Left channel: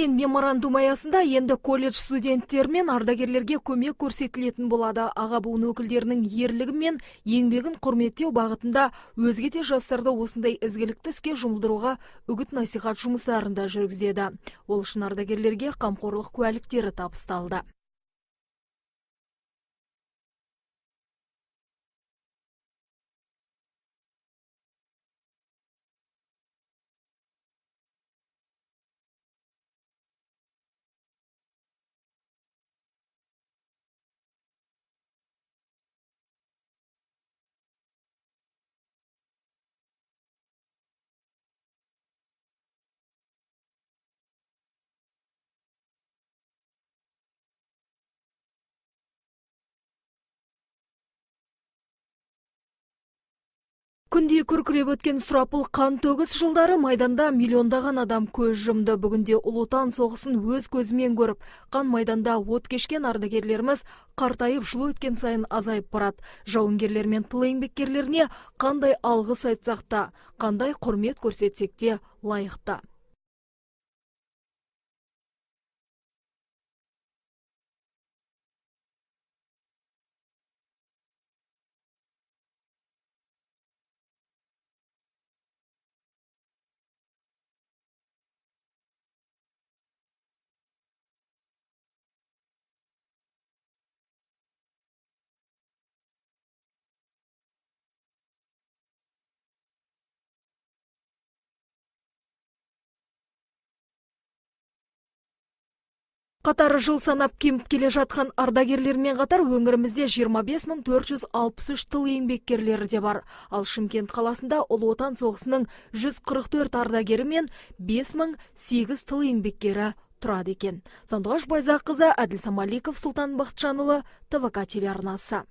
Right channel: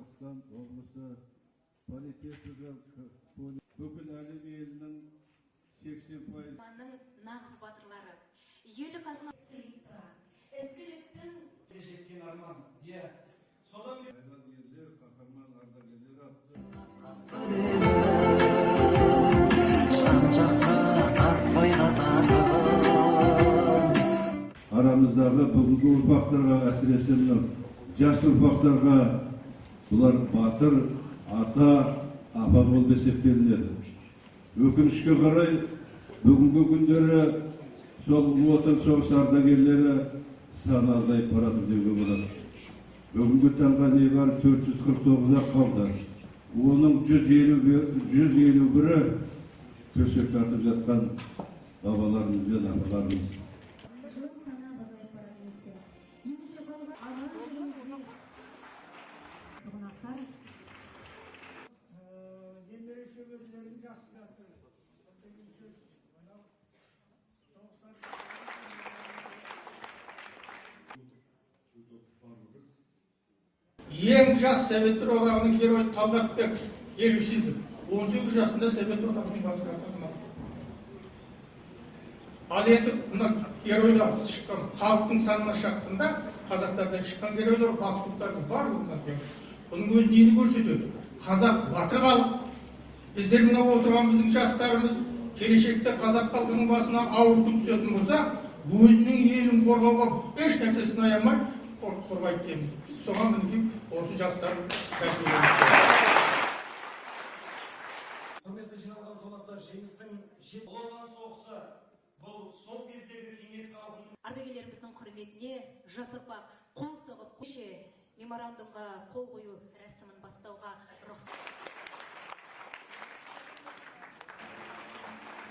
Келісілген меморандум аясында енді колледж студенттер мен ардагерлерге көмек көрсетілетін болады. Аға буын өкілдерінің ерлігі мен еңбегін құрметтеу бағытында өзге де жастарды осындай ізгілікті іске жұмылдыруға үгіт-насихат жұмыстарында жүргізеді. Ол үшін ардагерлерге қамқорлық куәліктері табысталды. Арамыздағы бүгінгі ұрпақтарға, әсіресе жас ұрпақтарға бұлар батыр, ата, апа болып есептелінеді. Өкінішке қарай, бүгінгі күндері сол ұлы отан соғысы ардагерлері саны азайып барады деуге болады. Бүгінгі таңға небәрі 449-ақ қалды. Оның 151-і төсек тартып жатқан бабаларымыз бен апаларымыз. Күнде күркіреп өткен сұрапыл қан төгіс жылдары майданда миллиондаған адам көз жұмды. Бүгінде Ұлы Отан соғысын өз көзімен көріп, қан майданда от кешкен ардагерлеріміз қартайып жыл өткен сайын азайып барады. Жауынгерлер мен тыл еңбеккерлеріне қандай алғыс айтсақ та, қандай құрмет көрсетсек те лайықты. Ең жас Советтер одағының геройы Талғатбек Елеусизов 18 жасында Совет одағының бас хатшысы. Ал енді мына геройлар шыққан халықтың санына шаққанда, қазақтардан шыққан геройлар басқұлттардың барлығынан тең. Бұның өзі нені көрсетеді? Қазақ батыр халық. Біздер мына отырғанымыздың жастарымыз келешекте қазақ халқының басына ауыр күн түсетін болса, өзінің елін қорғауға еш нәрсесін аямай қорғайды дейміз. Біз соған мінекей осы жастар Қатары жыл санап кеміп келе жатқан ардагерлермен қатар өңірімізде 25.463 тыл еңбеккерлері де бар. Ал Шымкент қаласында Ұлы Отан соғысының 144 ардагері мен 5008 тыл еңбеккері тұрады екен. Сандуғаш Байзаққызы, Әділ Самаликов, Сұлтан Бақытжанұлы, ТВК телеарнасы.